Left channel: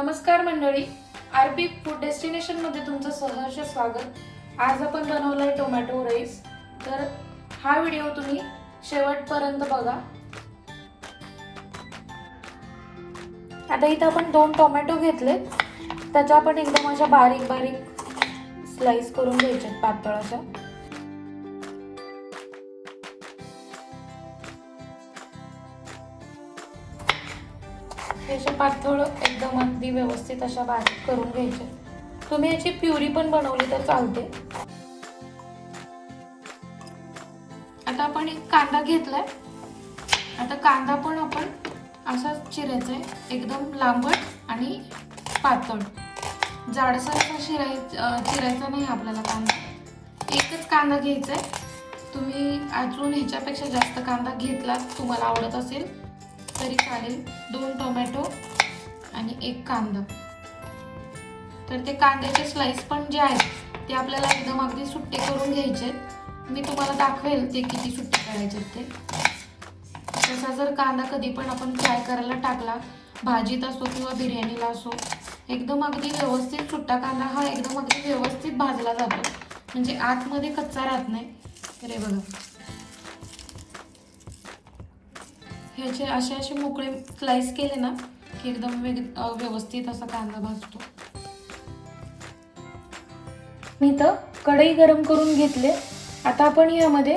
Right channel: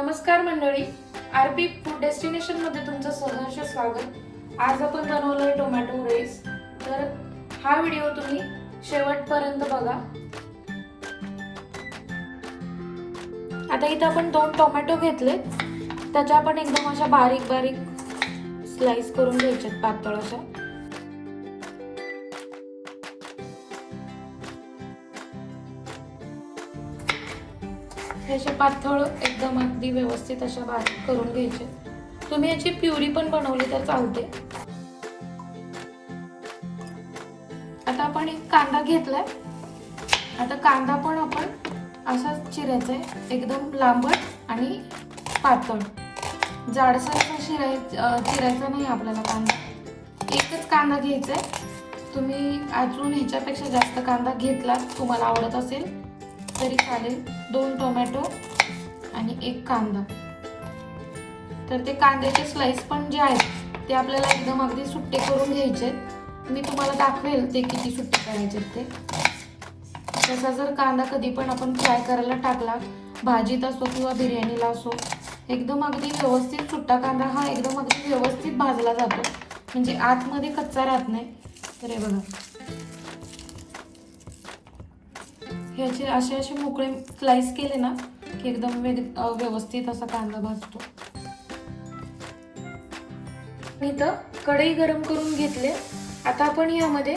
नमस्कार मंडळी, RP food destination मध्ये तुमचं सहर्ष स्वागत। आज आपण बनवलंय टोमॅटो राईस। तर हा व्हिडिओ तुम्ही शेवटपर्यंत बघा। आता इथे आपण 2 टोमॅटो घेतले, त्याच्या आपण एकदम अशा बारीक बारीक स्लाइस करून घ्यायचे पातळ अशा। अशा पातळ एकदम अगदी व्यवस्थित अशा बारीक करून घ्यायचे। तुम्ही याची प्युरी पण बनवली तर चालते। आता आपण एक कांदा घेतलाय। आता कांदा पण आपण असा चिरायचा आहे, एकदम लांबट आणि पातळ। जाडसर चिरायचा नाही आपल्याला कांदा। एकच कांदा घ्यायचा आहे। तुम्ही अजून ह्याच्यापेक्षा जास्त कांदा घेतला तुम्हाला आवडत असेल तरी चालेल। 2 टोमॅटो आणि 1 कांदा। तर ते कांद्याचे स्लाइस पण जे आहेत ते आपल्याला एकदम अगदी सुट्टे करून घ्यायचे। मी तुम्हाला दाखवेल ते किती सुट्टे करायचे ते। तसा जर कांदा कधी पण आपण फ्राय करायला टाकला, भाजीत असो किंवा बिर्याणीला असो, एकदम अगदी व्यवस्थित सुट्टा कांदा हा एकदम अगदी व्यवस्थित भाजला जातो, म्हणजे आतमध्ये कच्चा राहत नाही। तर हे बघा, ह्याचे असे मोकळे स्लाइस केले ना की एकदम व्यवस्थित असा कांदा भाजतो। इथं कढई गरम करून घेतले। आता आपण यामध्ये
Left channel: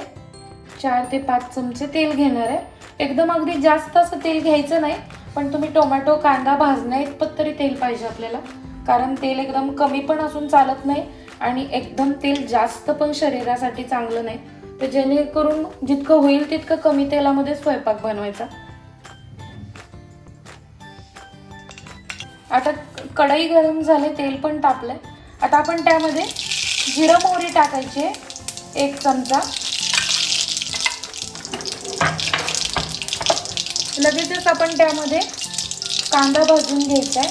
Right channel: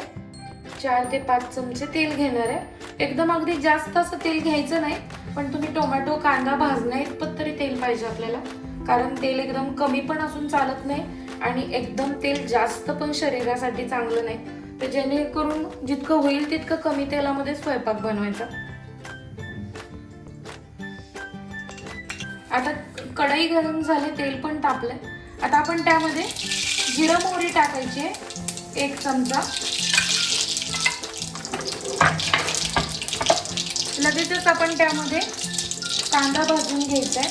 4 ते 5 चमचे तेल घेणार आहे। एकदम अगदी जास्त असं तेल घ्यायचं नाही, पण तुम्ही टोमॅटो कांदा भाजण्याइतपत तरी तेल पाहिजे आपल्याला, कारण तेल एकदम कमी पण असून चालत नाही आणि एकदम तेल जास्त पण शरीरासाठी चांगलं नाही। तर जेणेकरून जितकं होईल तितकं कमी तेलामध्ये स्वयंपाक बनवायचा। आता कढई गरम झाली, तेल पण तापलंय। आता आपण त्यामध्ये जिरा मोहरी टाकायची 1 चमचा। लगेचच आपण त्यामध्ये कांदा भाजून घ्यायचा आहे।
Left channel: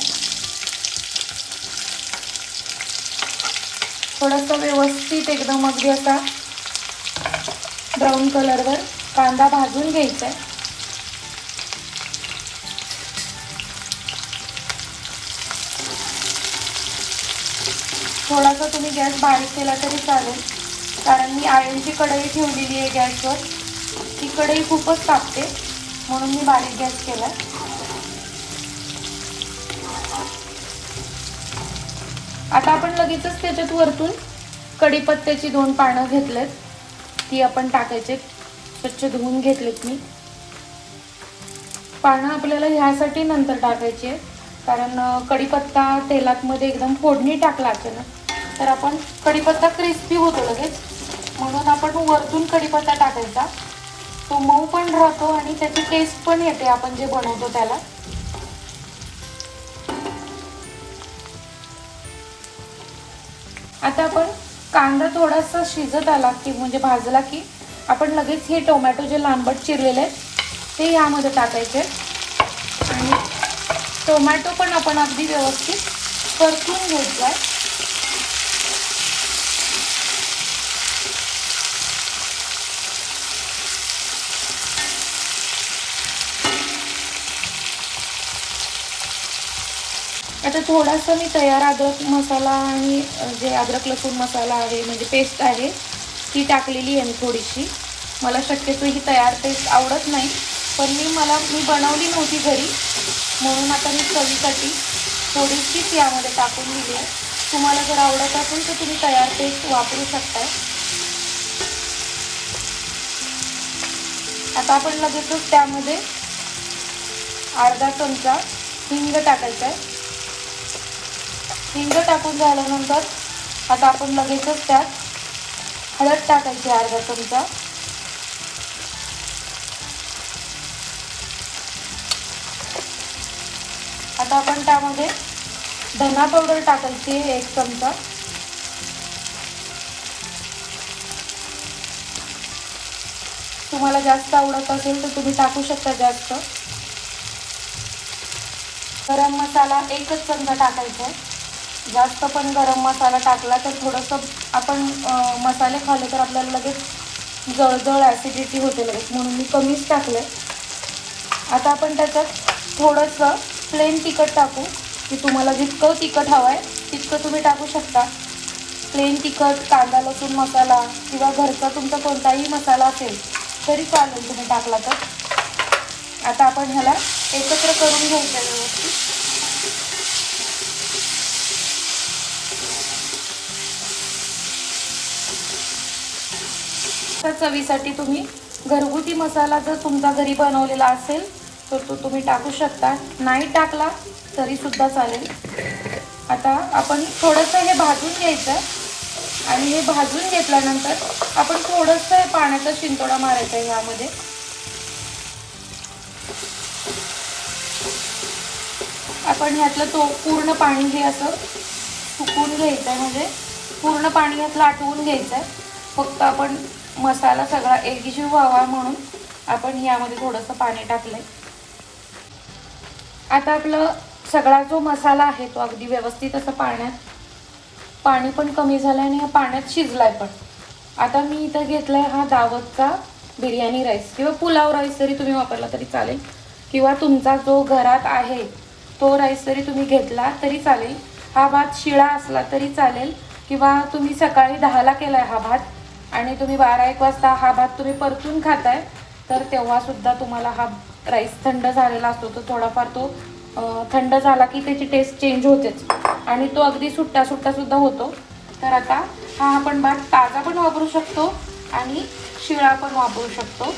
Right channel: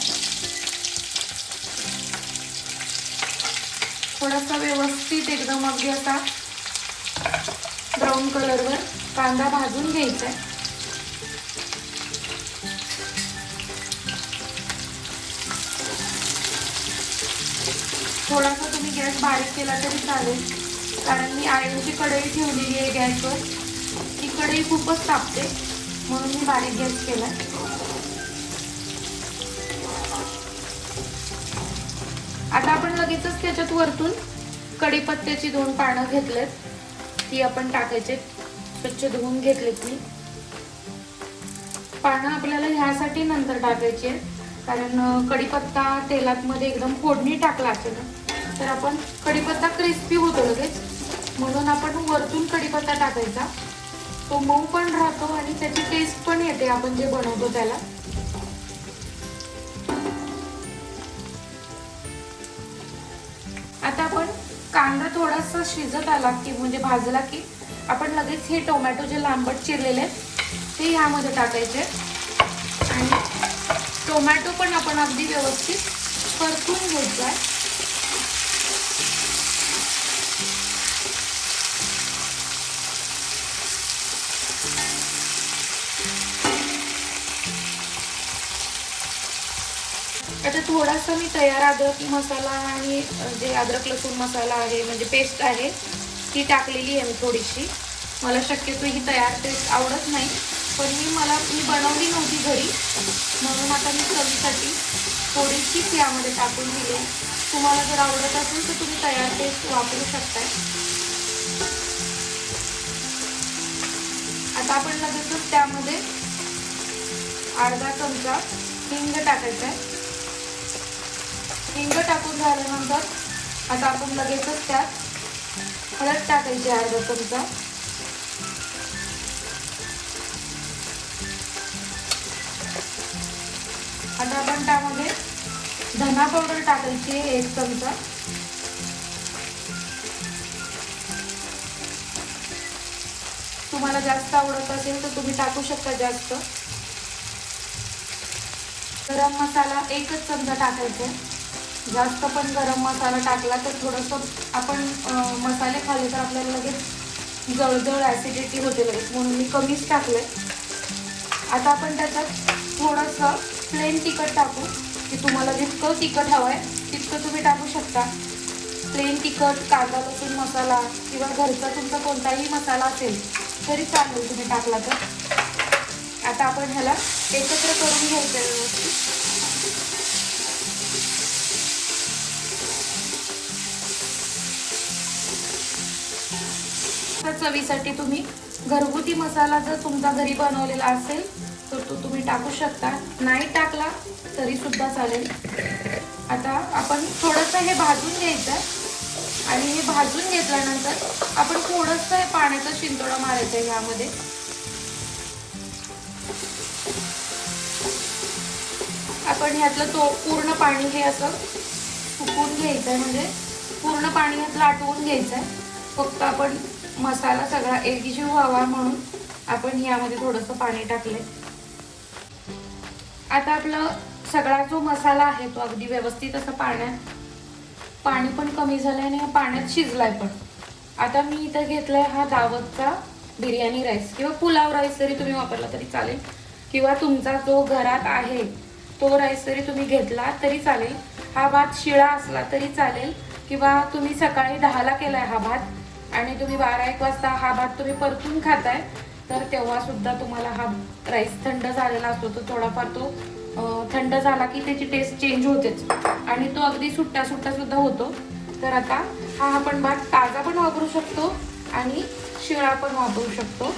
थोडासा व्यवस्थित एकदम अगदी असा ब्राऊन कलरवर कांदा भाजून घ्यायचा आहे। थोडासा तुम्ही गॅस बारीक केला तरी चालेल, कारण मी आयर्नची कढई ठेवलेली आहे गॅसवर। ती कढई खूपच तापते, म्हणून मी बारीक गॅस केलाय। आता आपण लगेचच त्याच्यात वरतून कढीपत्त्याची 2 पानं घेतलेत, ती आपण टाकायचे। स्वच्छ धुवून घेतलेत मी। पानं आपल्याला ह्यासाठी नंतर टाकायची आहेत, कारण कढीपत्ता तेलात मध्ये एकदम फोडणी टाकला असेल तर आपण कढीपत्ता क्रिस्पी होतो लगेच, म्हणून आपण वरतून कढीपत्ता टाकायचा। तो मऊ पण राहतो आणि त्याची टेस्ट पण येते आपण जे बनवतो त्याला। आता आपण कांदा थोडासा शिजत आला की म्हणजे भाजला की आपण लगेच हे टोमॅटो जे लांबट चिरलेले आहेत ते यामध्ये टाकायचे आणि टोमॅटो पण आपण अगदी व्यवस्थित परतून घ्यायचा आहे। आता थोडासा मी तयार अद्रक मसाला आणि जे अद्रक लसूण मसाला आहे म्हणजे पेस्ट आहे ती टाकलेली आहे मी थोडीशी। मला शक्यतो ही तयार पेस्ट आवडत नाही, पण मी बनवली नव्हती घरी, म्हणून आता मी चवीसाठी थोडीशीच यामध्ये टाकून दिली आहे। तुम्हाला जर आवडत असेल तर तुम्ही तयार पेस्ट वापरू शकताय। आता आपण लगेचच त्यामध्ये अर्धा चमचा हिंग टाकायचा आहे। हिंग टाकून झाल्यानंतर आता आपण लगेचच त्यात हळद टाकायची अर्धा चमचा। आता आपण त्यामध्ये धना पावडर टाकायची 1 चमचा। तुम्हाला जास्त आवडत असेल तर तुम्ही टाकू शकता जास्त। गरम मसाला 1 चमचा टाकायचा। जास्त पण गरम मसाला टाकला तर थोडंसं आपण मसाले खाल्ले तर आपल्याला लगेच जळजळ ऍसिडिटी होते लगेच, म्हणून मी कमीच टाकले। आता आपण त्याच्यात थोडंसं प्लेन तिखट टाकू। की तुम्हाला जितकं तिखट हवं आहे तितकं तुम्ही टाकू शकता. प्लेन तिखट, कांदा लसूण मसाला किंवा घरचा तुमचा कोणताही मसाला असेल तरी चालेल तुम्ही टाकला तर. आता आपण ह्याला एकत्र करून घ्यायचं व्यवस्थित. तर चवीसाठी तुम्ही घरगुती मसाला जर तुमचा घरी बनवलेला असेल तर तो तुम्ही टाकू शकता, नाही टाकला तरी सुद्धा चालेल. आता आपण थोडंसं हे भाजून घ्यायचं आणि हे भाजून घेतल्यानंतर आपण थोडंसं पाण्याचा शिंतोडा मारायचा आहे यामध्ये. आपण ह्यातलं तो पूर्ण पाणी हे असं सुकून घ्यायचं, म्हणजे पूर्ण पाणी ह्यातलं आटवून घ्यायचं. फक्त आपण मसाला सगळा एकजीव व्हावा म्हणून आपण यामध्ये थोडंसं पाणी टाकलंय. आता आपलं सगळा जो मसाला आहे तो अगदी व्यवस्थित असं पाणी पण कमी झालंय आणि पाण्यात शिजलाय पण. आता मी इथं घेतलाय हा दावतचा बिर्याणी राईस किंवा पुलाव राईस जरी तुम्ही वापरला तरी चालेल, किंवा तुमचा जो घरात आहे तो राईस जरी तुम्ही घेतला तरी चालेल. हा भात शिळा असला तरी चालेल, किंवा तुम्ही सकाळी 10ला केलाय हा भात आणि तुम्ही 12-1 वाजता हा भात तुम्ही परतून खाताय तर तेव्हा सुद्धा तुम्हाला हा राईस थंड झालेला असतो. तो थोडाफार तो थंड झाला की त्याची टेस्ट चेंज होतेच आणि तो अगदी सुट्टा सुद्धा होतो. तर आता हा आपण भात ताजा पण वापरू शकतो आणि शिळा पण वापरू शकतो.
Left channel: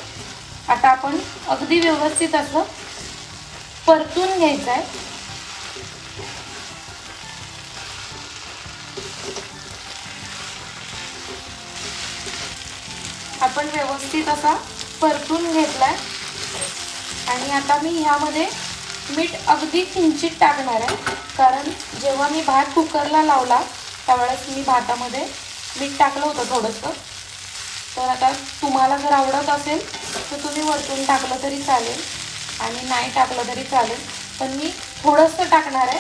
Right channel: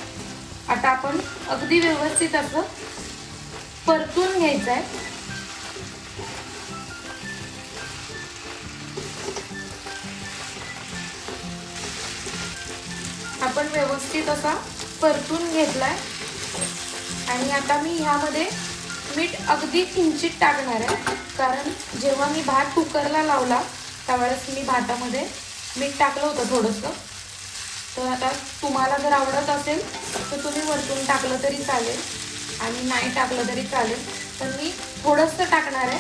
आता आपण अगदी व्यवस्थित असं परतून घ्यायचं आहे. आपण व्यवस्थित असा परतून घेतलाय आणि आता मी ह्यामध्ये मीठ अगदी किंचित टाकणार आहे, कारण जेव्हा मी भात कुकरला लावला त्यावेळेस मी भातामध्ये मीठ टाकलं होतं थोडंसं. तर आता तुम्हाला जर आवडत असेल तर तुम्ही वरतून टाकलं तरी चालेल आणि नाही टाकलं तरी चालेल, पण मी थोडंसं टाकणार आहे.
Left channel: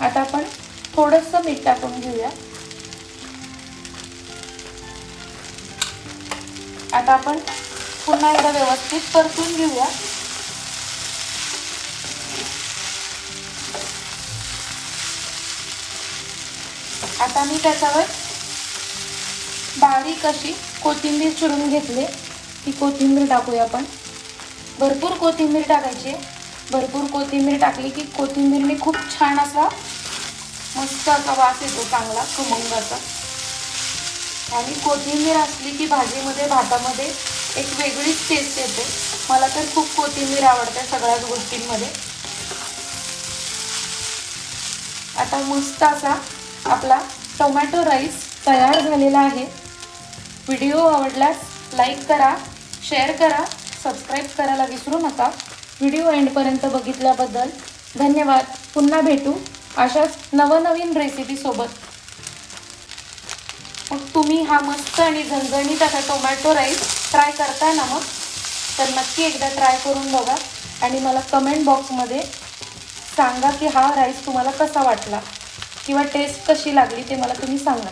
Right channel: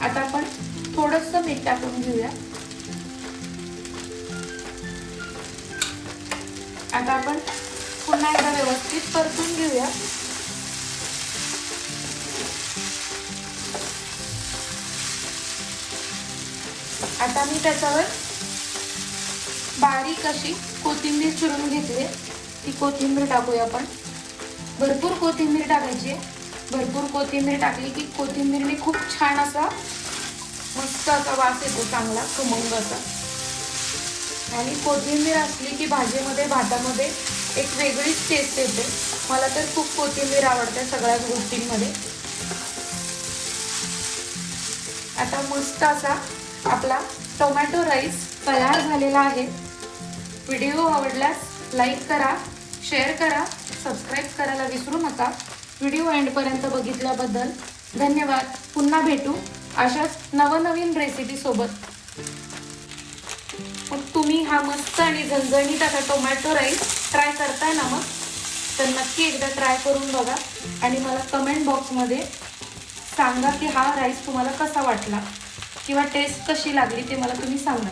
आता आपण थोडंसं मीठ टाकून घेऊया. आता आपण पुन्हा एकदा व्यवस्थित परतून घेऊया. आता मी त्याच्यावर बारीक अशी कोथिंबीर चिरून घेतली, ती कोथिंबीर टाकूया आपण. भरपूर कोथिंबीर टाकायची. भरपूर कोथिंबीर टाकली की कोथिंबीरने खूप छान असा मस्त असा वास येतो, चांगला खमंग असा. आणि कोथिंबीर असली की भाजीमध्ये भातामध्ये एक वेगळीच टेस्ट येते. मला तर खूप कोथिंबीर आवडते सगळ्याच गोष्टींमध्ये. आता मस्त असा आपला टोमॅटो राईस तयार झालेला आहे. व्हिडिओ आवडल्यास लाईक करा, शेअर करा, सबस्क्राईब करायला विसरू नका. व्हिडिओ एंडपर्यंत बघितल्याबद्दल धन्यवाद. पुन्हा भेटू अशाच नवनवीन रेसिपी सोबत. मग तुम्ही हा मस्त आणि झणझणीत असा टोमॅटो राईस ट्राय करताय ना मग, तर नक्की एकदा ट्राय करून बघा आणि मला कमेंट बॉक्समध्ये सांगा की हा राईस तुम्हाला कसा वाटला किंवा टेस्ट कशी लागली ते मला तुम्ही सांगा.